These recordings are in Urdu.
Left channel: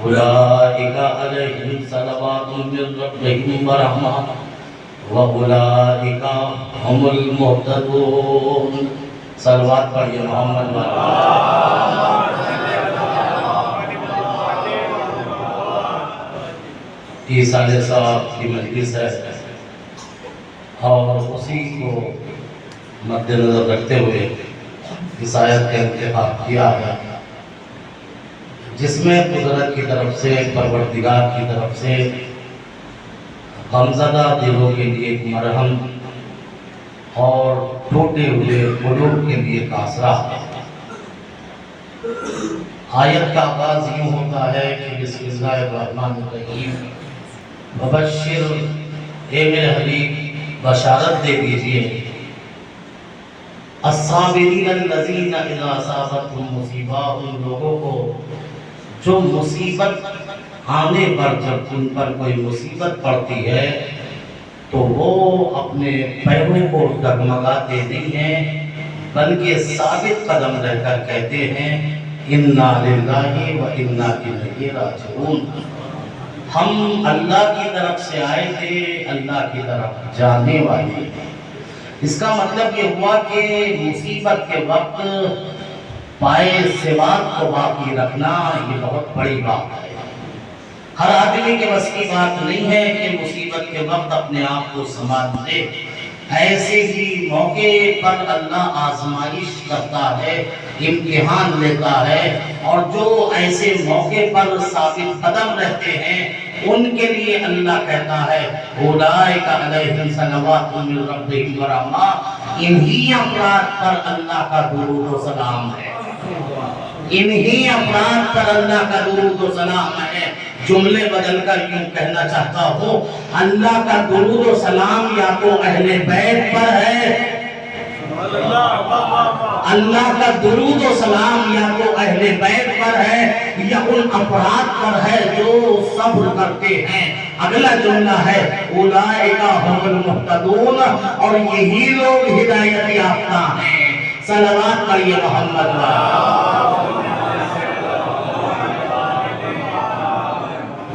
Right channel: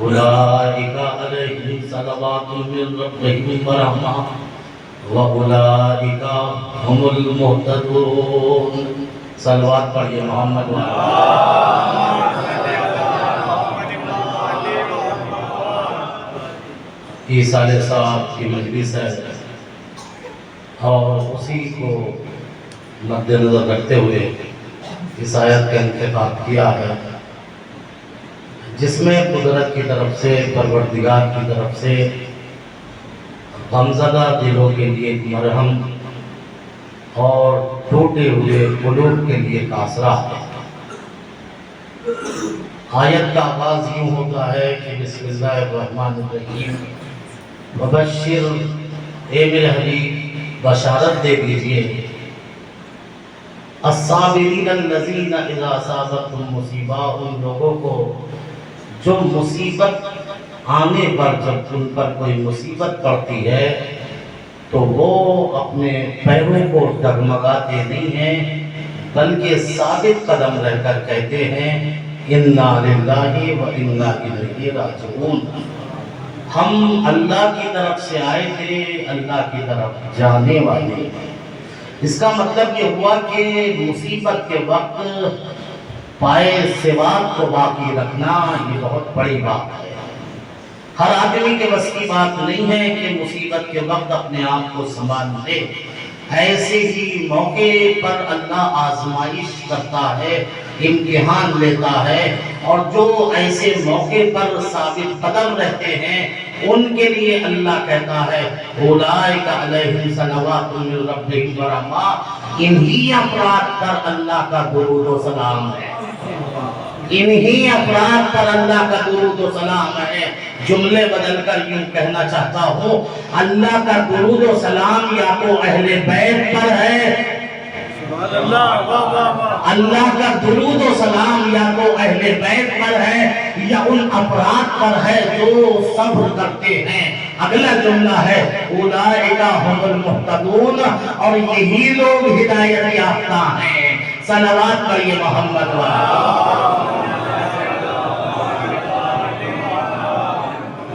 اولئک علیہم صلوات من ربہم ورحمہ واولئک هم المہتدون۔ صلوات پڑھیے محمد یہ سالے صاحب کی مجلس ہے اور اسی کو مد نظر رکھتے ہوئے اس آیت کا انتخاب کیا ہے، جس میں قدرت کی طرف سے، پروردگار کی طرف سے غمزدہ دلوں کے لیے ایک مرہم اور ٹوٹے ہوئے قلوب کے لیے ایک آسرا ہے۔ آیت کا آغاز یوں ہوتا ہے کہ بسم اللہ الرحمن الرحیم، مبشر، اے میرے حبیب بشارت دے دیجئے، الصابرین الذین اذا اصابتهم مصیبہ، ان لوگوں کو جو مصیبت آنے پر، جب ان پر کوئی مصیبت پڑتی ہے تو وہ اپنے پیروں کو ڈگمگاتے نہیں ہیں بلکہ ثابت قدم رہ کر کہتے ہیں انا للہ و انا الیہ راجعون، ہم اللہ کی طرف سے آئے تھے، اللہ کی طرف جانے والے۔ اس کا مطلب یہ ہوا کہ مصیبت کے وقت پائے سواد کو باقی رکھنا یہ بہت بڑی بات ہے۔ ہر آدمی کے بس کی بات نہیں ہے کہ مصیبت کے وقت اپنے آپ کو سنبھال لے۔ ایسے ہی موقع پر اللہ آزمائش کرتا ہے، امتحان لیتا ہے، اور جو ایسے موقع پر ثابت قدم رہتے ہیں ان کے لیے اللہ کہتا ہے اولئک علیہم صلوات من ربہم ورحمہ، انہی افراد پر اللہ کا درود و سلام ہے، انہی افراد پر اللہ کا درود و سلام ہے۔ جملے بدل کر یوں کہنا چاہتا ہوں، اللہ کا درود و سلام یا تو اہل بیت پر ہے، اللہ کا درود و سلام یا تو اہل بیت پر ہے یا ان افراد پر ہے جو صبر کرتے ہیں۔ اگلا جملہ ہے اولئک هم المہتدون، اور یہی لوگ ہدایت یافتہ ہیں۔ صلوات پڑھیے محمد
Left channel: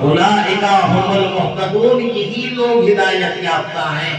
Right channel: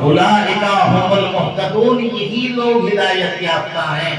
اولئک هم المہتدون، یہی لوگ ہدایت یافتہ ہیں۔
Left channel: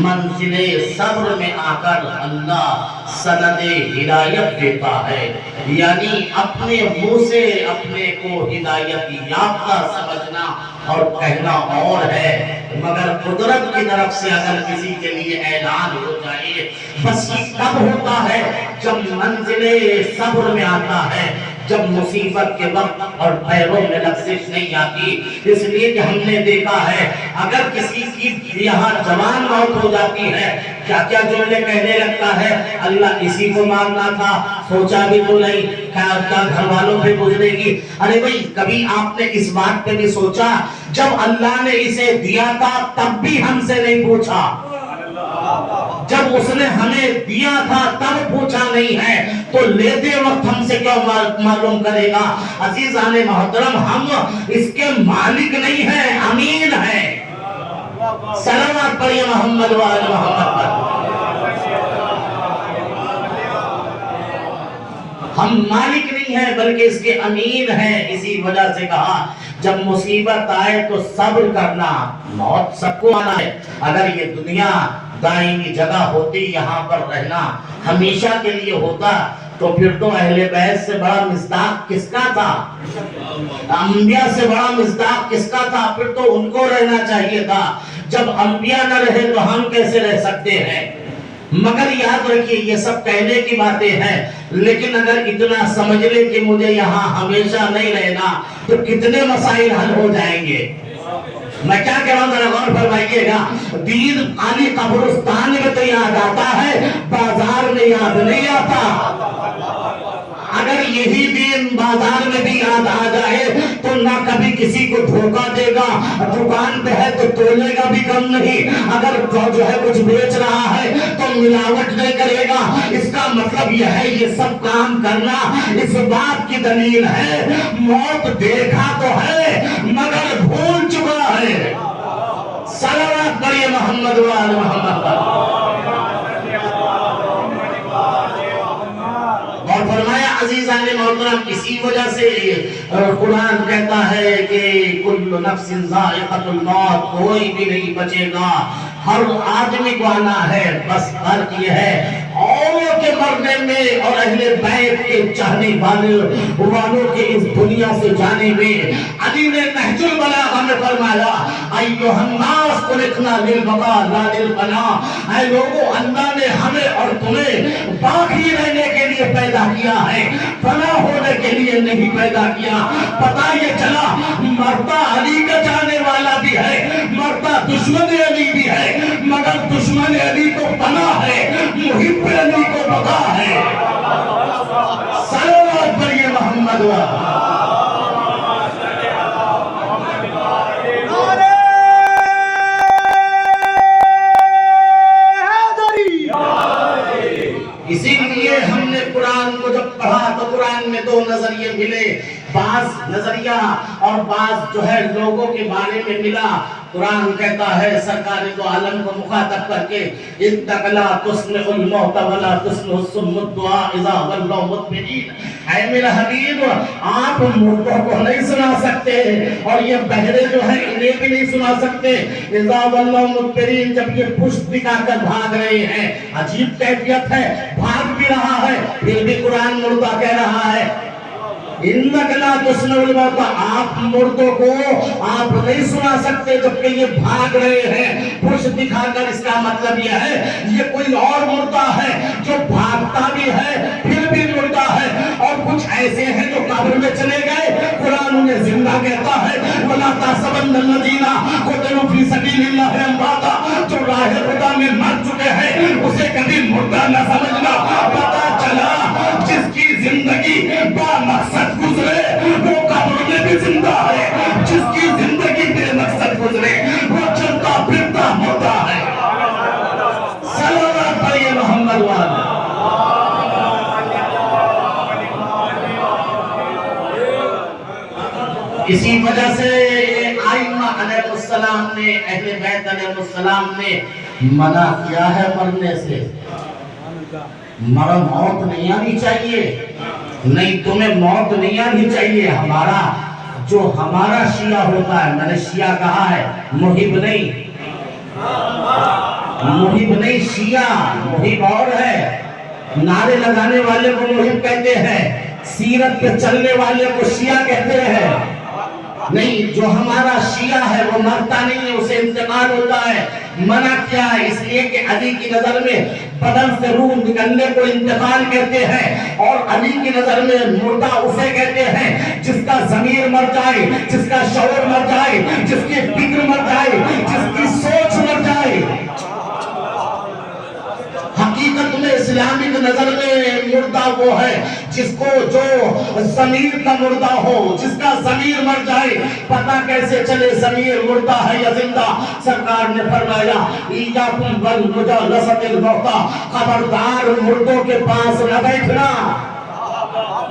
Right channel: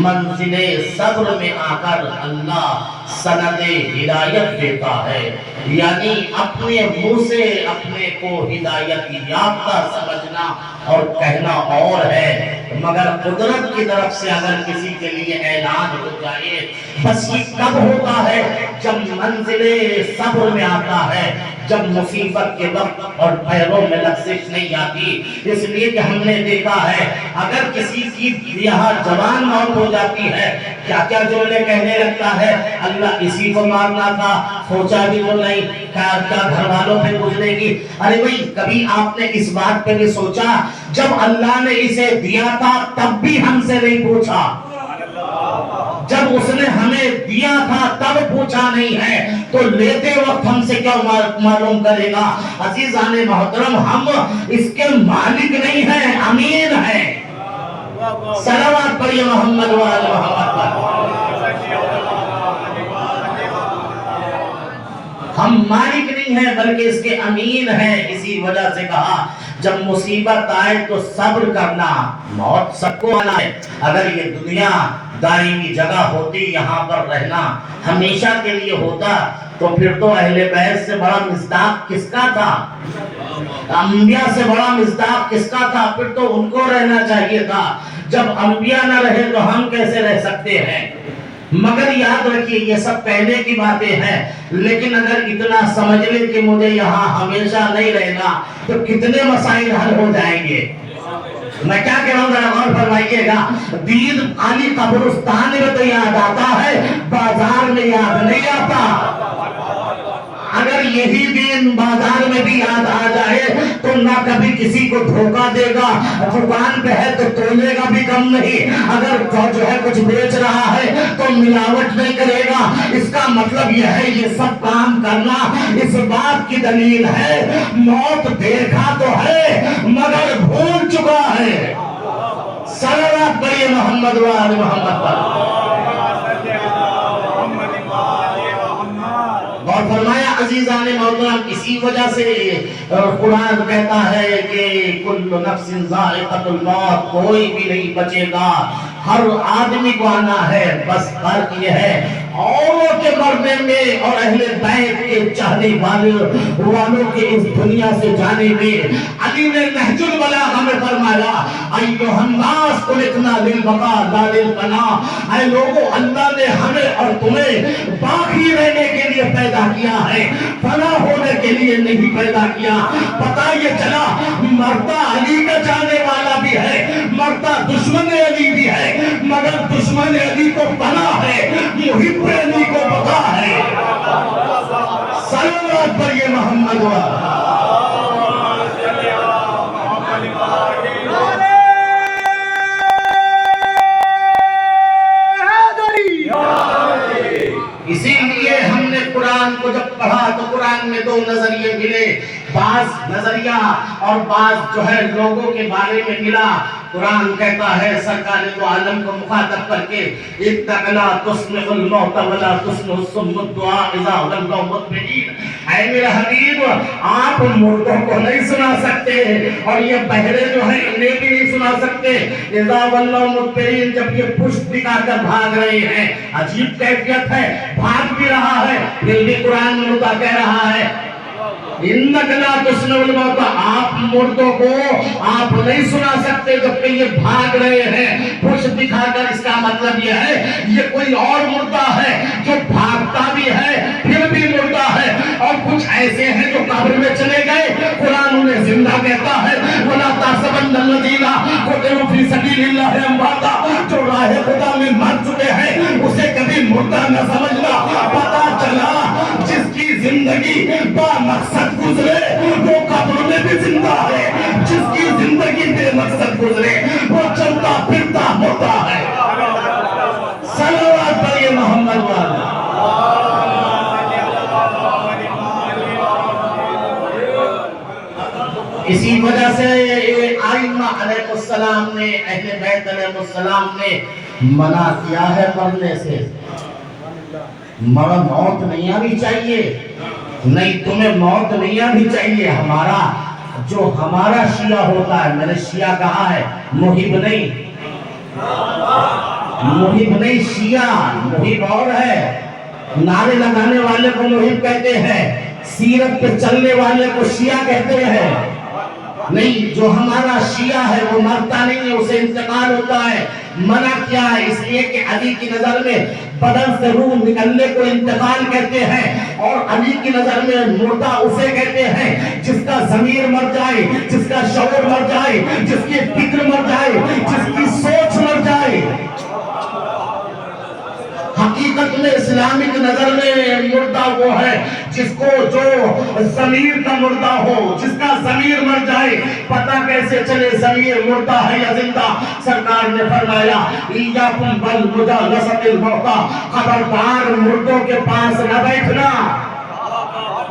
منزل صبر میں آ کر اللہ سند ہدایت دیتا ہے، یعنی اپنے منہ سے اپنے کو ہدایت یافتہ سمجھنا اور کہنا اور ہے، مگر قدرت کی طرف سے اگر کسی کے لیے اعلان ہو جائے بس یہ کب ہوتا ہے؟ جب منزل صبر میں آتا ہے، جب مصیبت کے وقت اور پیروں میں لغزش نہیں آتی۔ اس لیے کہ ہم نے دیکھا ہے اگر کسی کی یہاں جوان موت ہو جاتی ہے کیا کیا جملے کہنے لگتا ہے، اللہ اسی کو مارنا تھا، سوچا بھی تو نہیں، کیا گھر والوں پہ گزرے گی۔ ارے بھائی کبھی آپ نے اس بات پہ بھی سوچا جب اللہ نے اسے دیا تھا تب بھی ہم سے نہیں پوچھا، جب اس نے ہمیں دیا تھا تب پوچھا نہیں ہے تو لیتے وقت ہم سے کیا معلوم کرے گا؟ عزیزان محترم، ہم اس کے مالک نہیں ہیں، امین ہیں۔ صلوات پڑھیے محمد وآل محمد پر۔ ہم مالک نہیں ہیں بلکہ اس کے امین ہیں، اسی وجہ سے کہا جب مصیبت آئے تو صبر کرنا۔ موت سب کو آنا ہے، اگر یہ دنیا دائمی جگہ ہوتی، یہاں پر رہنا ہمیشہ کے لیے ہوتا تو پھر تو اہل بیت سے بڑا مصداق کس کا تھا؟ انبیاء سے بڑا مصداق کس کا تھا؟ پھر تو ان کو رہنا چاہیے تھا۔ جب انبیاء نہ رہے تو ہم کیسے رہ سکتے ہیں؟ مگر یاد رکھیے یہ سب کہنے کی باتیں ہیں، لیکن اگر اتنا سمجھ لیں کہ مجھے یہاں ہمیشہ نہیں رہنا تو کتنے مسائل حل ہو جائیں گے۔ میں کیا کہہ رہا ہوں ذرا غور فرمائیے گا۔ دین علی قبرستان میں تو یاد آتا ہے، بازار میں یاد نہیں آتا۔ اگر یہی دین بازار میں بھی یاد آ جائے تو نہ کبھی کسی کو دھوکہ دے گا، دکان پہ ہے تو تولے گا بھی کم نہیں، اگر جو ہے کچھ بیچ رہا ہے تو ملاوٹ نہیں کرے گا۔ اس کا مطلب یہ ہے یہ سب کام کرنا اس بات کی دلیل ہے موت دیکھا تو ہے مگر بھول چکا ہے۔ صلوات پڑھیے محمد وآل محمد پر۔ اور فرمایا عزیزان محترم اسی وجہ سے قرآن کہتا ہے کہ کل نفس ذائقۃ الموت، کوئی بھی نہیں بچے گا، ہر آدمی کو آنا ہے، بس فرق یہ ہے اوروں کے مرنے میں اور اہل بیت کے چاہنے والوں کے اس دنیا سے جانے میں۔ علی نے نہج البلاغہ میں فرمایا ایھا الناس خلقنا للبقاء لا للفناء، اے لوگوں اللہ نے ہمیں اور تمہیں باقی رہنے کے لیے پیدا کیا ہے، فنا ہونے کے لیے نہیں پیدا کیا۔ پتہ یہ چلا مرتا علی کا جانے والا بھی ہے، مرتا دشمن علی بھی ہے، مگر دشمن علی کو پناہ ہے، محب علی کو بقا ہے۔ صلوات پر یہ محمد اسی لیے ہم نے قرآن کو جب پڑھا تو قرآن میں دو نظریے ملے، بعض نظریہ اور بعض جو ہے لوگوں کے بارے میں ملا۔ قرآن کہتا ہے سرکار دو عالم کو مخاطب کر کے اِنَّکَ لَا تُسْمِعُ الْمَوْتَ وَلَا تُسْمِعُ الصُّمَّ الدُّعَاءَ اِذَا وَلَّوْا مُدْبِرِينَ، اے میرے حبیب آپ مردوں کو نہیں سنا سکتے اور یہ بہرے جو ہیں انہیں بھی نہیں سنا سکتے۔ اِذَا وَلَّوْا مُدْبِرِينَ، جب یہ پشت دکھا کر بھاگ رہے ہیں، عجیب کیفیت ہے، بھاگ بھی رہا ہے پھر بھی قرآن مردہ کہہ رہا ہے۔ اِنَّکَ لَا تُسْمِعُ الْمَوْتَ، آپ مردوں کو آپ نہیں سنا سکتے جبکہ یہ بھاگ رہے ہیں پشت دکھا کر۔ اس کا مطلب یہ ہے یہ کوئی اور مردہ ہے جو بھاگتا بھی ہے پھر بھی مردہ ہے، اور کچھ ایسے ہیں جو قبر میں چلے گئے قرآن انہیں زندہ کہتا ہے۔ وَلَا تَحْسَبَنَّ الَّذِينَ قُتِلُوا فِي سَبِيلِ اللَّهِ أَمْوَاتًا، جو راہ خدا میں مر چکے ہیں اسے کبھی مردہ نہ سمجھنا۔ پتہ چلا جس کی زندگی با مقصد گزرے وہ قبر میں بھی زندہ ہے، جس کی زندگی بے مقصد گزرے وہ چلتا پھرتا مردہ ہے۔ صلوات پر یہ محمد والا۔ اسی وجہ سے ائمہ علیہ السلام نے، اہل بیت علیہ السلام نے منع کیا ہے مرنے سے۔ موت نہیں آنی چاہیے، نہیں تمہیں موت نہیں آنی چاہیے۔ ہمارا شیعہ ہوتا ہے، میں نے شیعہ کہا ہے، محب نہیں، محب نہیں، شیعہ محب اور ہے۔ نعرے لگانے والے کو محب کہتے ہیں، سیرت پہ چلنے والے کو شیعہ کہتے ہیں۔ نہیں، جو ہمارا شیعہ ہے وہ مرتا نہیں ہے، اسے انتقال ہوتا ہے۔ منع کیا ہے اس لیے کہ علی کی نظر میں بدن سے روح نکلنے کو انتقال کہتے ہیں، اور علی کی نظر میں مردہ اسے کہتے ہیں جس کا ضمیر مر جائے، جس کا شعور مر جائے، جس کی فکر مر جائے، جس کی سوچ مر جائے۔ حقیقت میں اسلامک نظر میں مردہ وہ ہے جس کو جو ضمیر کا مردہ ہو، جس کا ضمیر مر جائے۔ پتہ کیسے چلے ضمیر مردہ ہے یا زندہ؟ سرکار نے فرمایا ایاکم والمجالسۃ الموتیٰ، خبردار مردوں کے پاس نہ بیٹھنا۔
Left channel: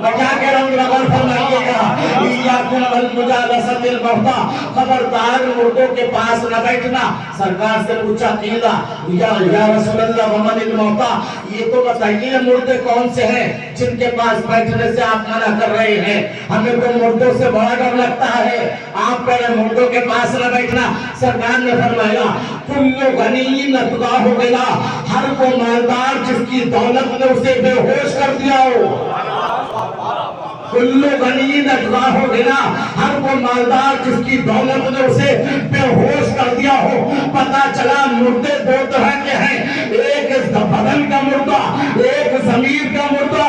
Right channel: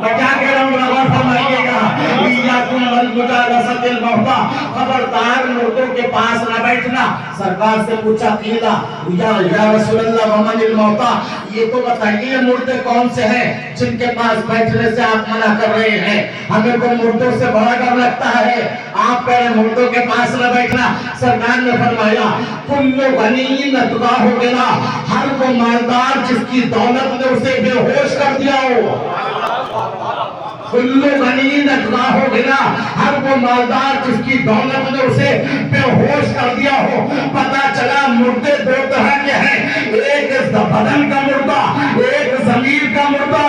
میں کیا کہہ رہا ہوں غور فرمائیے گا، ایاکم والمجالسۃ الموتیٰ، خبردار مردوں کے پاس نہ بیٹھنا۔ سرکار سے پوچھا قیلا یا رسول اللہ ومن الموتیٰ، یہ تو بتائیے مردے کون سے ہیں جن کے پاس بیٹھنے سے آپ منع کر رہے ہیں؟ ہمیں تو مردوں سے بڑا ڈر لگتا ہے، آپ کہہ رہے مردوں کے پاس نہ بیٹھنا۔ سرکار نے فرمایا کل غنی اتباہ غنا، ہر وہ مالدار جس کی دولت نے اسے بے ہوش کر دیا ہو۔ کل غنی اتباہ غنا، ہر وہ مالدار جس کی دولت نے اسے بے ہوش کر دیا ہو۔ پتہ چلا مردے دو طرح کے ہیں، ایک بدن کا مردہ، ایک ضمیر کا مردہ۔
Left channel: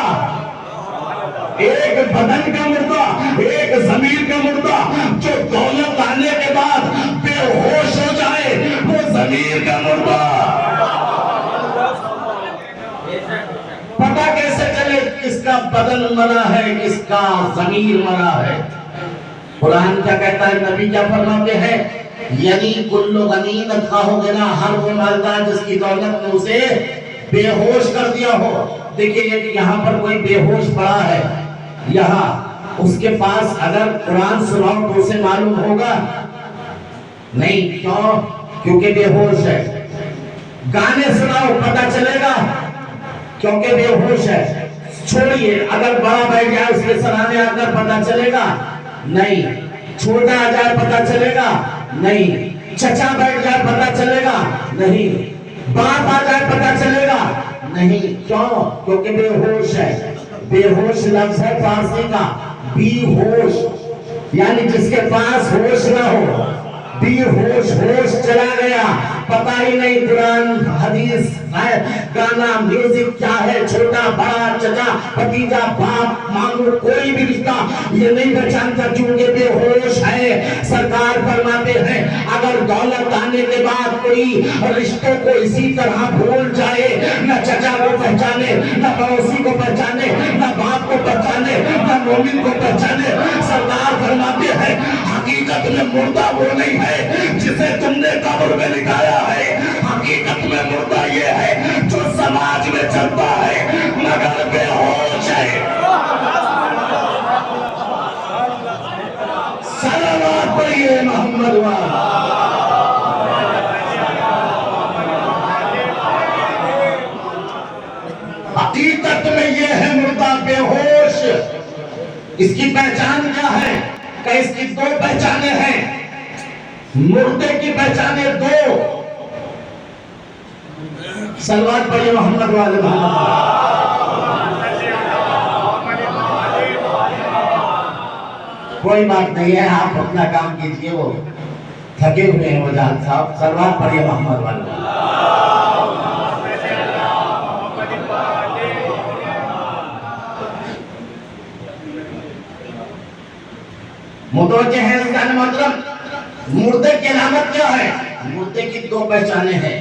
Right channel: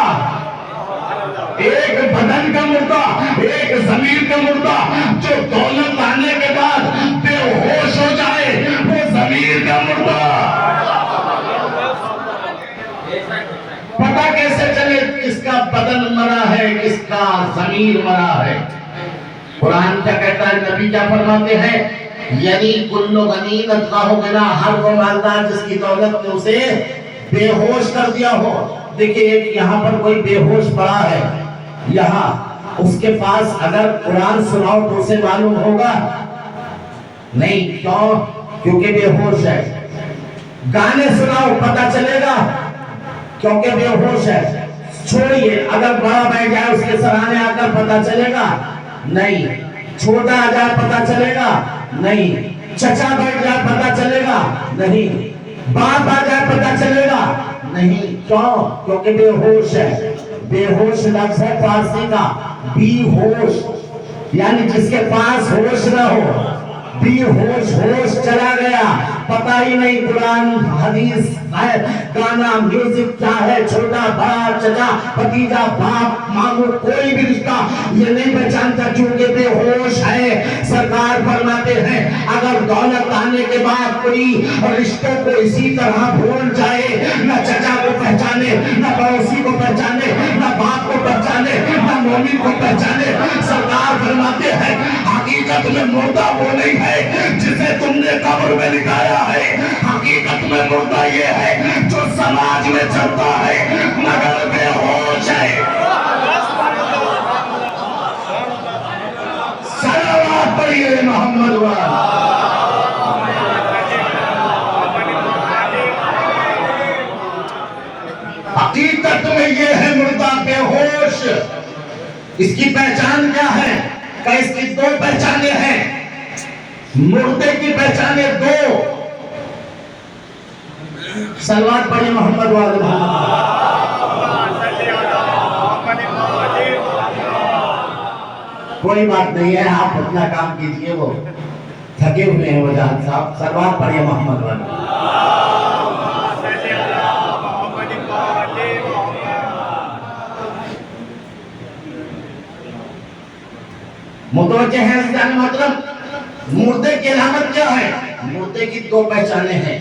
ایک بدن کا مردہ، ایک ضمیر کا مردہ۔ جو دولت آنے کے بعد بے ہوش ہو جائے وہ ضمیر کا مردہ۔ پتہ کیسے چلے کس کا بدن مرا ہے کس کا ضمیر مرا ہے؟ قرآن کیا کہتا ہے، نبی کیا فرماتے ہیں؟ یعنی کل غنی اتباہ غنا، ہر وہ مالدار جس کی دولت نے اسے بے ہوش کر دیا ہو۔ دیکھیے یہاں پر کوئی بے ہوش پڑا ہے، یہاں اس کے پاس اگر قرآن سناؤ تو اسے معلوم ہوگا نہیں، کیوں؟ کیونکہ بے ہوش ہے۔ گانے سناؤ پتہ چلے گا کیونکہ بے ہوش ہے۔ چھوڑیے اگر بڑا بیٹھ جائے اس کے سرانے آ کر پتہ چلے گا نہیں، چھوٹا آ جائے پتہ چلے گا نہیں، چچا بیٹھ جائے پتہ چلے گا نہیں، باپ آ جائے پتہ چلے گا نہیں. کیوں؟ کیونکہ بے ہوش ہے. بے ہوش لفظ ہے فارسی کا بی ہوش، یعنی جس کے پاس ہوش نہ ہو. بی ہوش، ہوش چلا گیا، پتہ ہی نہیں قرآن حدیث گانا میوزک کیا ہے، چھوٹا بڑا چچا بھتیجا باپ ماموں کوئی بھی رشتہ یہ نہیں پہچانتا چونکہ بے ہوش ہے. سرکار فرماتے ہیں اگر دولت آنے کے بعد کوئی رشتوں کو اسی طرح بھول جائے، نہ چچا کو پہچانے، نہ پڑوسی کو پہچانے، نہ باپ کو پہچانے، نہ مومن کو پہچانے، سرکار فرماتے ہیں حقیقت میں مردہ وہ نہیں ہے جسے تم نے قبر میں لٹایا ہے، حقیقت میں مردہ یہ ہے جو سماج میں چلتا ہے مگر بے ہوش ہے. صلوات پڑھیے محمد والا. حقیقت میں یہ ہے مردہ بے ہوش. اس کی پہچان کیا ہے؟ کہ اس کی دو پہچانیں ہیں. مردے کی پہچانیں دو. صلوات پڑھیے محمد والے کوئی بات نہیں ہے، آپ اپنا کام کیجئے، وہ تھکے ہوئے ہیں وہ جان صاحب. صلوات پڑھیے محمد والے. متوجہ ہیں عزیزان محترم، مردے کی علامت کیا ہے؟ مردے کی دو پہچانیں ہیں.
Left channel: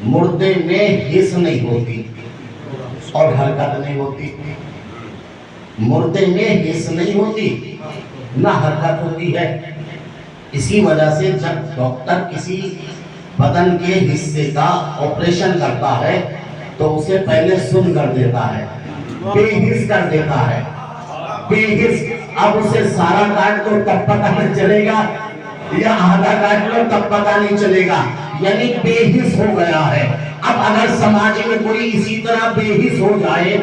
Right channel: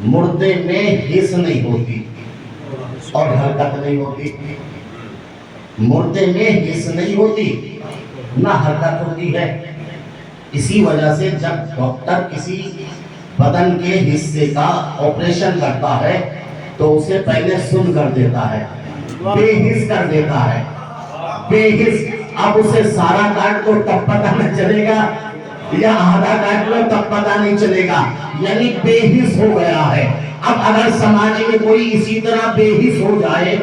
مردے میں حس نہیں ہوتی اور حرکت نہیں ہوتی. مردے میں حس نہیں ہوتی نہ حرکت ہوتی ہے. اسی وجہ سے جب ڈاکٹر کسی بدن کے حصے کا آپریشن کرتا ہے تو اسے پہلے سن کر دیتا ہے، بے حس کر دیتا ہے. بے حس. اب اسے سارا کاٹ دو تب پتہ نہیں چلے گا یا آدھا کاٹ لو تب پتہ نہیں چلے گا، یعنی بے حس ہو گیا ہے. اب اگر سماج میں کوئی اسی طرح بے حس ہو جائے،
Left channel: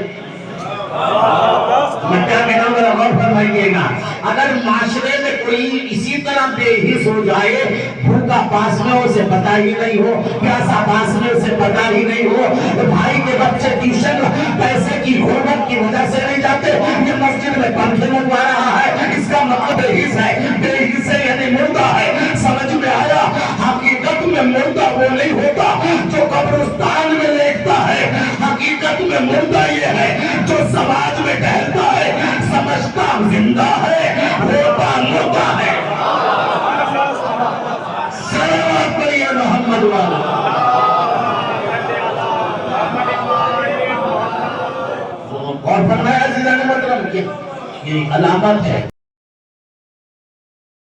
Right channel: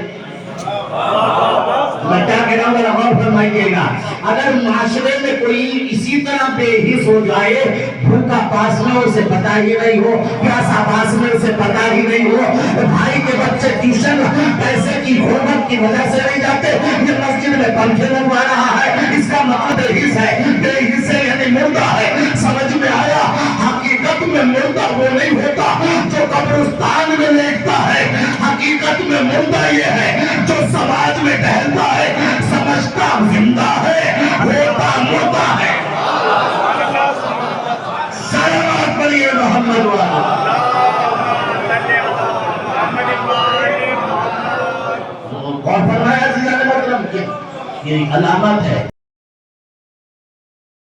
میں کیا کہہ رہا ہوں ذرا غور فرمائیے گا، اگر معاشرے میں کوئی اسی طرح بے حس ہو جائے، بھوکا پاس میں اسے پتہ ہی نہیں ہو، پیاسا پاس میں اسے پتہ ہی نہیں ہو، بھائی کے بچے ٹیوشن پیسے کی غربت کی وجہ سے نہیں جاتے، یہ مسجد میں پنکھے لگوا رہا ہے، اس کا مطلب بے حس ہے. بے حس ہے یعنی مردہ ہے. سمجھ میں آیا؟ حقیقت میں مردہ وہ نہیں ہوتا جو قبرستان میں لیٹتا ہے، حقیقت میں مردہ یہ ہے جو سماج میں ٹہلتا ہے، سمجھتا زندہ ہے ہوتا مردہ ہے. صلوات پڑھیے محمد والا. اور فرمایا عزیزان محترم کہ یہ علامت ہے